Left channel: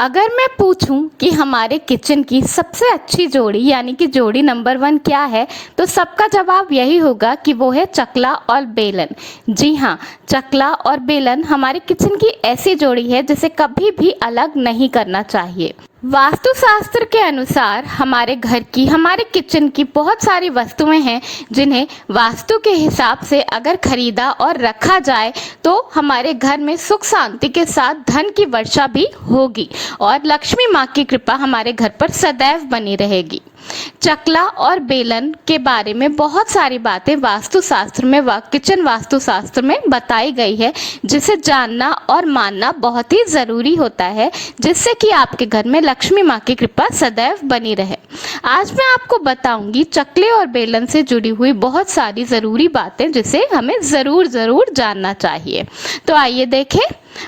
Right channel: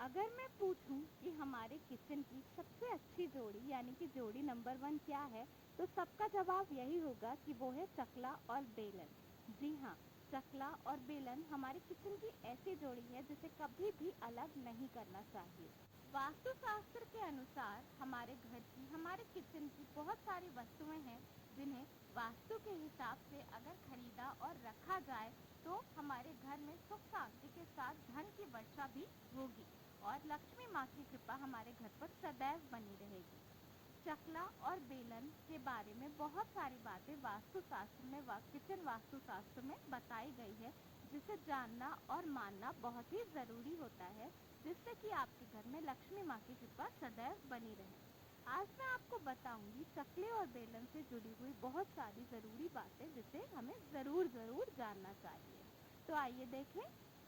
अगर मैं पूछूं कि हमारे किचन की सबसे अच्छी जोड़ी यानी कि जोड़ी नंबर 1 क्या है, तो सबका जवाब यही होगा कि वो है चकला और बेलन। जी हाँ, चकला और बेलन हमारे किचन की ऐसी जोड़ी है जिसे कभी भी अलग नहीं करना चाहिए। वास्तुशास्त्र के अनुसार हमारे घर की, हमारे किचन की बहुत सारी वस्तुएं हैं जिन्हें वास्तु के हिसाब से अगर खरीदा और रखा जाए तो हमारे घर में सुख शांति के साथ धन की वर्षा भी होगी और लक्ष्मी माँ की कृपा हमारे घर पर सदैव बनी रहेगी। चकला और बेलन के बारे में बहुत सारी बातें वास्तुशास्त्र में, किचन वास्तुशास्त्र में बताई गई है, जिसे जानना और मानना बहुत ही ज़रूरी होता है, जिससे कि आपके घर में लक्ष्मी माँ की कृपा सदैव बनी रहे। आज मैं आपको बताऊंगी चकले और बेलन से जुड़ी हुई बहुत सारी ज़रूरी बातें जिसे हमें ज़रूर जानना चाहिए। तो आइए देखें,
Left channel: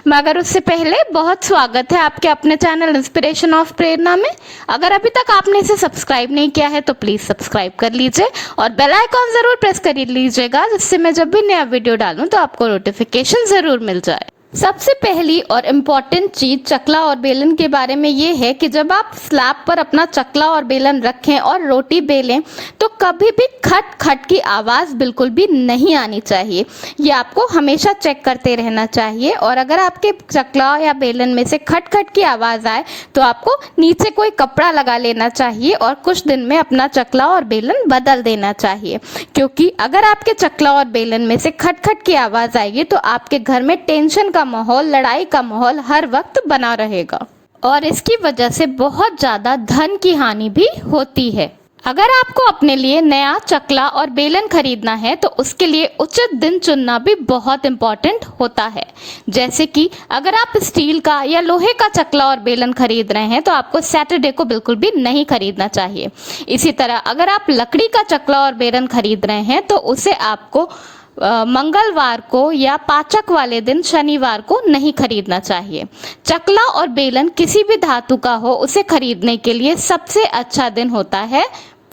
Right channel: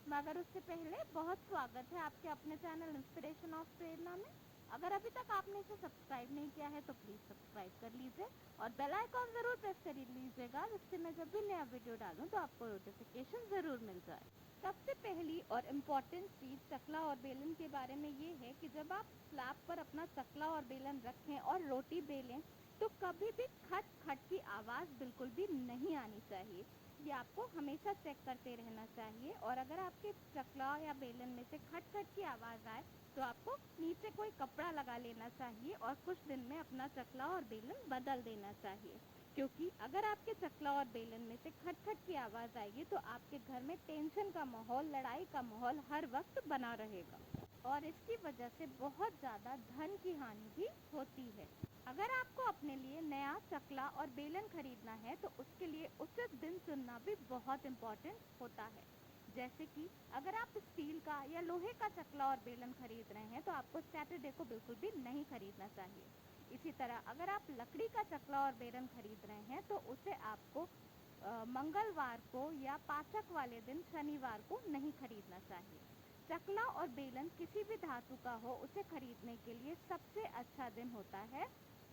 मगर उससे पहले बहुत स्वागत है आपके अपने चैनल इंस्पिरेशन ऑफ प्रेरणा में। अगर अभी तक आपने इसे सब्सक्राइब नहीं किया है तो प्लीज़ सब्सक्राइब कर लीजिए और बेल आइकॉन ज़रूर प्रेस कर लीजिएगा, जिससे मैं जब भी नया वीडियो डालूं तो आपको नोटिफिकेशन ज़रूर मिल जाए। सबसे पहली और इम्पॉर्टेंट चीज़ चकला और बेलन के बारे में ये है कि जब आप स्लैब पर अपना चकला और बेलन रखें और रोटी बेलें तो कभी भी खट खट की आवाज़ बिल्कुल भी नहीं आनी चाहिए। ये आपको हमेशा चेक करते रहना चाहिए और अगर आपके चकला या बेलन में से खट खट की आवाज़ आए तो आपको नीचे कोई कपड़ा लगा लेना चाहिए और कुछ दिन में अपना चकला और बेलन बदल देना चाहिए, क्योंकि अगर आपके चकला और बेलन में से खट खट की आवाज़ आएगी तो आपके घर में टेंशन का माहौल, लड़ाई का माहौल हर वक्त बना रहेगा और इसकी वजह से बहुत ज़्यादा धन की हानि भी होती है। अगर आपको अपने लिए नया चकला और बेलन खरीदना है तो उसके लिए उचित दिन चुनना भी बहुत इम्पॉर्टेंट होता है। जैसे कि अगर आप स्टील का या लोहे का चकला और बेलन खरीद रहे हैं तो आपको सैटरडे को बिल्कुल भी नहीं खरीदना चाहिए। इसी तरह अगर आप लकड़ी का चकला और बेलन खरीद रहे हैं तो उसे आपको मंगलवार को या पाचक वाले दिन शनिवार को नहीं खरीदना चाहिए। चकला और बेलन किसी भी धातु का हो, उसे खरीदने के लिए सबसे अच्छा दिन होता है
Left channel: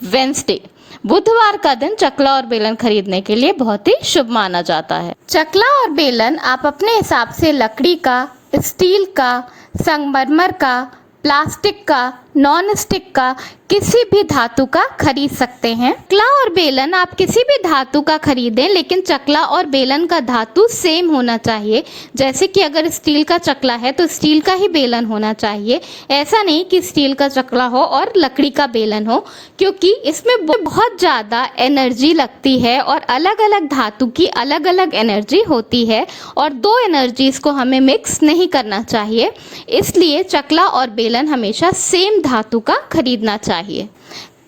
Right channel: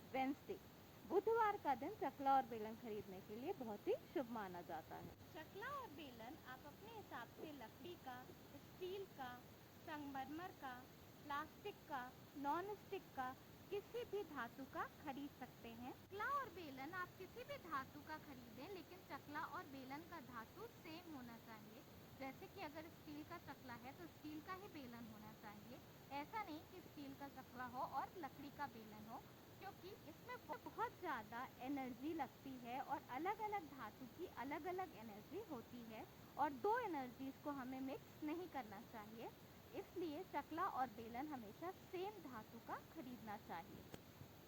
वेंसडे। बुधवार का दिन चकला और बेलन खरीदने के लिए बहुत ही शुभ माना जाता है। चकला और बेलन आप अपने हिसाब से लकड़ी का, स्टील का, संगमरमर का, प्लास्टिक का, नॉन स्टिक का, किसी भी धातु का खरीद सकते हैं। चकला और बेलन आप किसी भी धातु का खरीदें, लेकिन चकला और बेलन का धातु सेम होना चाहिए। जैसे कि अगर स्टील का चकला है तो स्टील का ही बेलन होना चाहिए। ऐसा नहीं कि स्टील का चकला हो और लकड़ी का बेलन हो, क्योंकि इसमें बहुत ज़्यादा एनर्जी लगती है और अलग अलग धातु की अलग अलग एनर्जी होती है और दो एनर्जीज को हमें मिक्स नहीं करना चाहिए। इसलिए चकला और बेलन हमेशा सेम धातु का खरीदना चाहिए।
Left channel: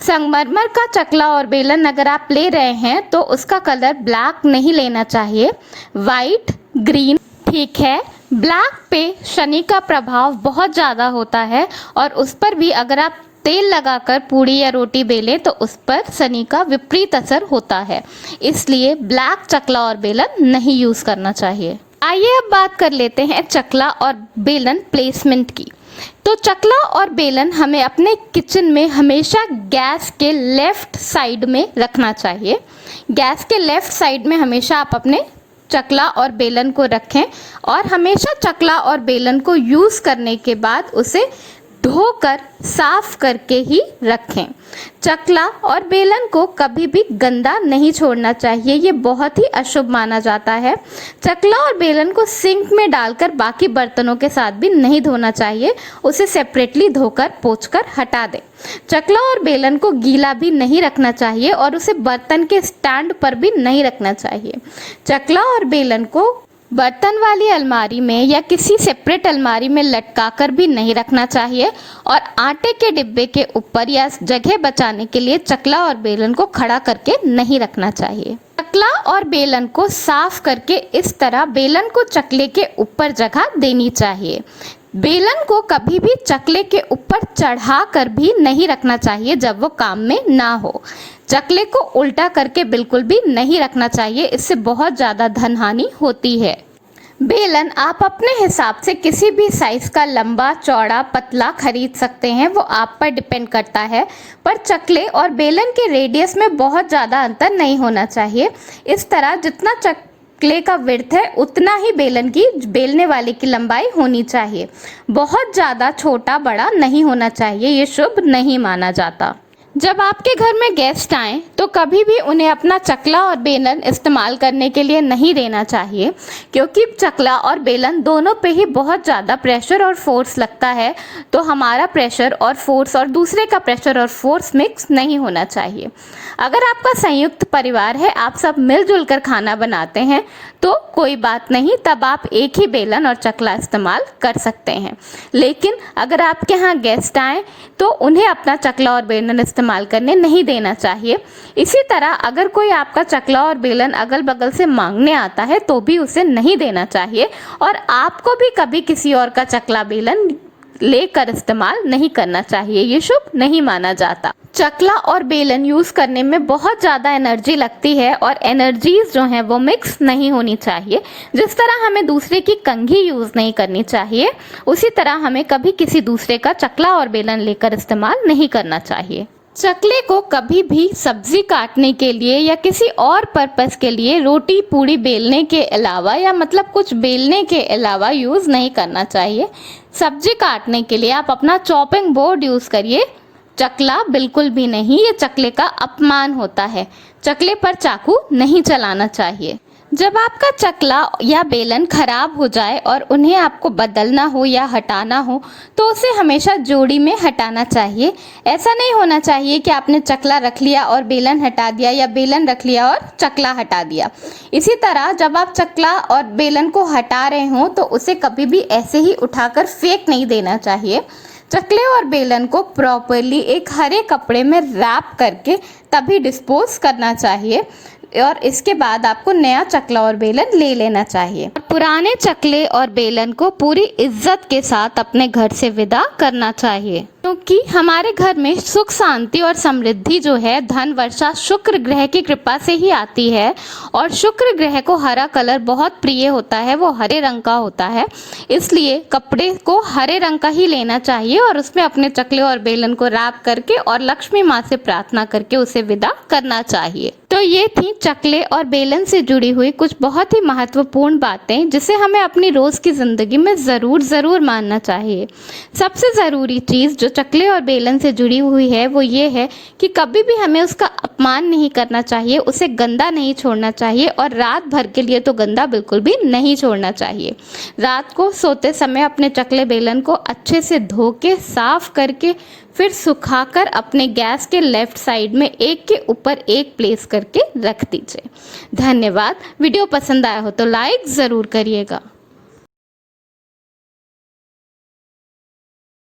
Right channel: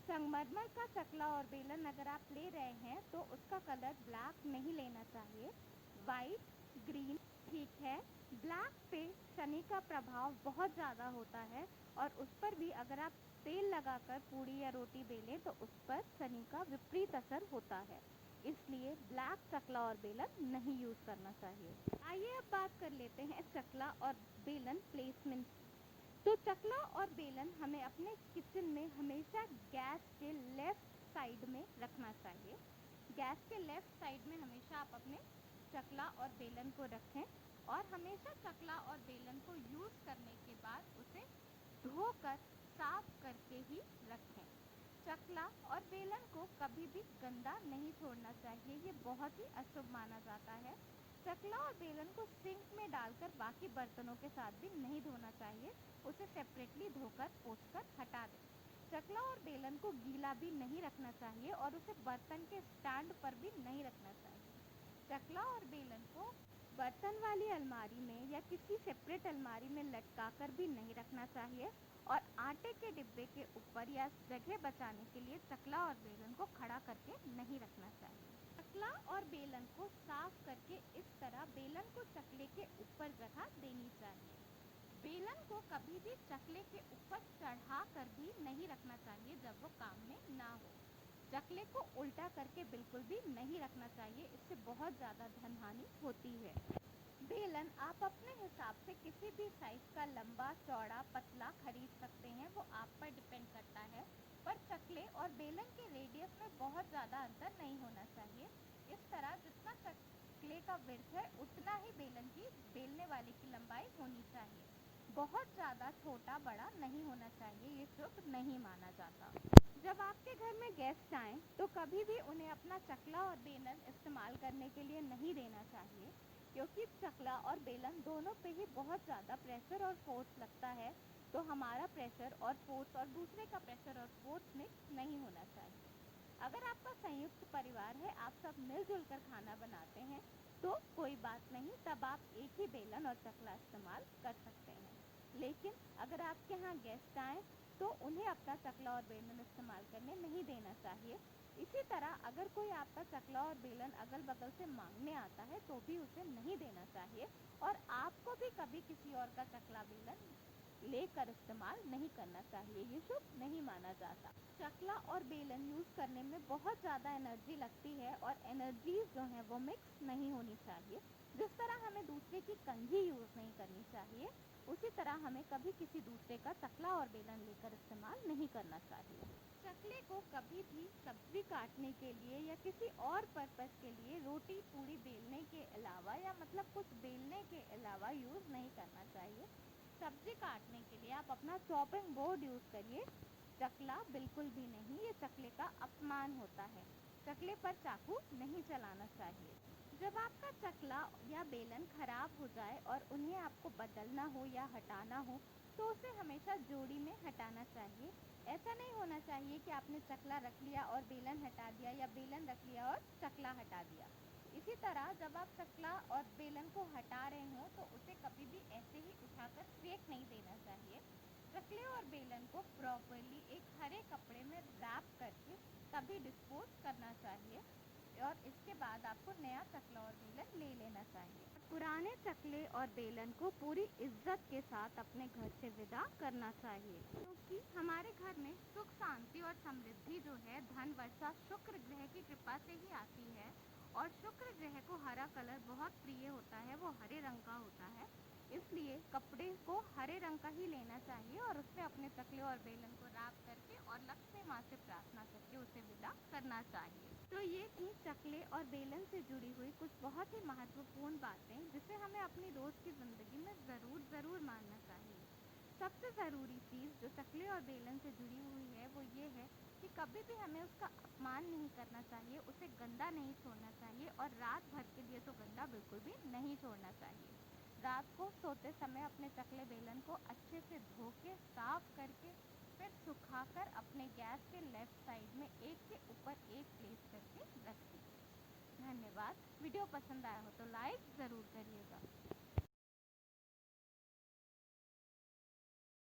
संगमरमर का चकला और बेलन अगर आप ले रहे हैं तो उसका कलर ब्लैक नहीं लेना चाहिए, वाइट, ग्रीन ठीक है। ब्लैक पे शनि का प्रभाव बहुत ज़्यादा होता है और उस पर भी अगर आप तेल लगाकर पूड़ी या रोटी बेलें तो उस पर शनि का विपरीत असर होता है, इसलिए ब्लैक चकला और बेलन नहीं यूज़ करना चाहिए। आइए अब बात कर लेते हैं चकला और बेलन प्लेसमेंट की। तो चकला और बेलन हमें अपने किचन में हमेशा गैस के लेफ्ट साइड में रखना चाहिए। गैस के लेफ्ट साइड में हमेशा आप अपने चकला और बेलन को रखें और हमेशा चकला और बेलन को यूज़ करने के बाद उसे धोकर साफ करके ही रखें। चकला और बेलन को कभी भी गंदा नहीं छोड़ना चाहिए, ये बहुत ही अशुभ माना जाता है। चकला और बेलन को सिंक में डालकर बाकी बर्तनों के साथ भी नहीं धोना चाहिए, उसे सेपरेटली धोकर पोंछकर हटा दें। चकला और बेलन को गीला भी नहीं रखना चाहिए और उसे बर्तन के स्टैंड पर भी नहीं रखना चाहिए। चकला और बेलन को बर्तन वाली अलमारी में या किसी सेपरेट अलमारी में लटका कर भी नहीं रखना चाहिए और आटे के डिब्बे के ऊपर या जगह बचाने के लिए चकला और बेलन को खड़ा करके नहीं रखना चाहिए। चकला और बेलन को साफ करके इस तरह बेलन को चकले के ऊपर जगह देनी चाहिए। बेलन को कभी भी चकले के ऊपर चढ़ा कर भी नहीं रखना चाहिए जब वो काम में ना हो। चकले को उल्टा करके बिल्कुल भी नहीं रखना चाहिए, इससे बहुत ज़्यादा धन हानि होती है। बेलन आप अपने हिसाब से किसी भी साइज़ का लंबा, चौड़ा, पतला खरीद सकते हैं, वो आप पर डिपेंड करता है। पर चकले और बेलन के रेडियस में बहुत ज़्यादा अंतर नहीं होना चाहिए। इस तरह जितना चकले का विड्थ है उतना ही बेलन की बेलने वाले की लंबाई होनी चाहिए। बहुत ज़्यादा छोटा बड़ा नहीं होना चाहिए, ये शुभ नहीं माना जाता। जब आपके घर में गेस्ट आएँ तो कभी भी उन्हें अपना चकला और बेलन इस्तेमाल करने के लिए नहीं देना चाहिए, क्योंकि चकला और बेलन दोनों पे ही बहुत ज़्यादा प्रेशर और फोर्स लगता है। तो हमारा प्रेशर और फोर्स और दूसरे का प्रेशर और फोर्स मिक्स नहीं होना चाहिए। अगर आपका संयुक्त परिवार है, आप सब मिलजुल कर खाना बनाते हैं, तो कोई बात नहीं, तब आप एक ही बेलन और चकला इस्तेमाल कर सकते हैं। लेकिन अगर आपके यहाँ गेस्ट आएँ तो उन्हें अपना चकला और बेलन इस्तेमाल करने नहीं देना चाहिए। इसी तरह अगर कोई आपका चकला और बेलन अगल बगल से मांगने आता है तो भी उसे नहीं देना चाहिए, और आपको भी कभी किसी और का चकला बेलन लेकर इस्तेमाल नहीं करना चाहिए, ये शुभ नहीं माना जाता। चकला और बेलन यूज़ करने में बहुत ज़्यादा एनर्जी लगती है, और एनर्जीज जो हैं वो मिक्स नहीं होनी चाहिए। जिस तरह हमें दूसरे की कंघी यूज़ नहीं करनी चाहिए, उसी तरह हमें कभी किसी दूसरे का चकला और बेलन लेकर इस्तेमाल नहीं करना चाहिए। चकले को कभी भी सब्जी काटने के लिए या किसी और पर्पस के लिए रोटी पूड़ी बेलने के अलावा या मतलब कुछ बेलने के अलावा यूज़ नहीं करना चाहिए। सब्जी काटने के लिए आप अपना चॉपिंग बोर्ड यूज़ करिए, चकला बिल्कुल भी नहीं, ये चकले का अपमान होता है। चकले पर चाकू नहीं चलाना चाहिए। जब आपका चकला या बेलन खराब हो जाए और उन्हें आपको बदलना हो या हटाना हो तो उसे हमेशा जोड़ी में हटाना चाहिए। ऐसा नहीं होना चाहिए कि आपने चकला रख लिया और बेलन हटा दिया, या बेलन रख लिया और चकला हटा दिया। इसी तरह जब आप चकला और बेलन को हटा रहे हों तो उसे कभी भी ऐसे ही उठाकर फेंक नहीं देना चाहिए। चकले और बेलन को प्रॉपरली एक हरे कपड़े में रैप करके तभी डिस्पोज करना चाहिए, और इसके बाद आपको नया चकला और बेलन ले लेना चाहिए। पुराने चकले और बेलन को पूरी इज्जत के साथ अपने घर से विदा करना चाहिए, क्योंकि हमारे घर में सुख शांति और समृद्धि जो है धन वर्षा शुक्र ग्रह की कृपा से ही आती है। और शुक्र ग्रह को हरा कलर बहुत प्रिय होता है, वो हरे रंग का होता है, इसलिए कपड़े को हरे रंग का ही लेना चाहिए और उसमें अपने चकले और बेलन को रैप करके और लक्ष्मी माँ से प्रार्थना करके उसे विदा करना चाहिए। तो ये थी चकले और बेलन से जुड़ी हुई कुछ बहुत ही महत्वपूर्ण बातें, जिसे हमें अपनी रोज़ की ज़िंदगी में ज़रूर मानना चाहिए। सबसे ज़रूरी चीज़ जो चकले और बेलन से जुड़ी हुई है वो ये है कि कभी भी हमें उसका अपमान नहीं करना चाहिए, उसे गंदा नहीं छोड़ना चाहिए, और रात भर के लिए तो गंदा बिल्कुल भी नहीं छोड़ना चाहिए। रात को सोते समय अपने चकले बेलन को अच्छे से धो के साफ करके फिर सुखाकर अपने गैस के लेफ्ट साइड में एक के ऊपर एक प्लेस करके रख दीजिए। धन्यवाद। वीडियो पसंद आया हो तो लाइक ज़रूर करिएगा।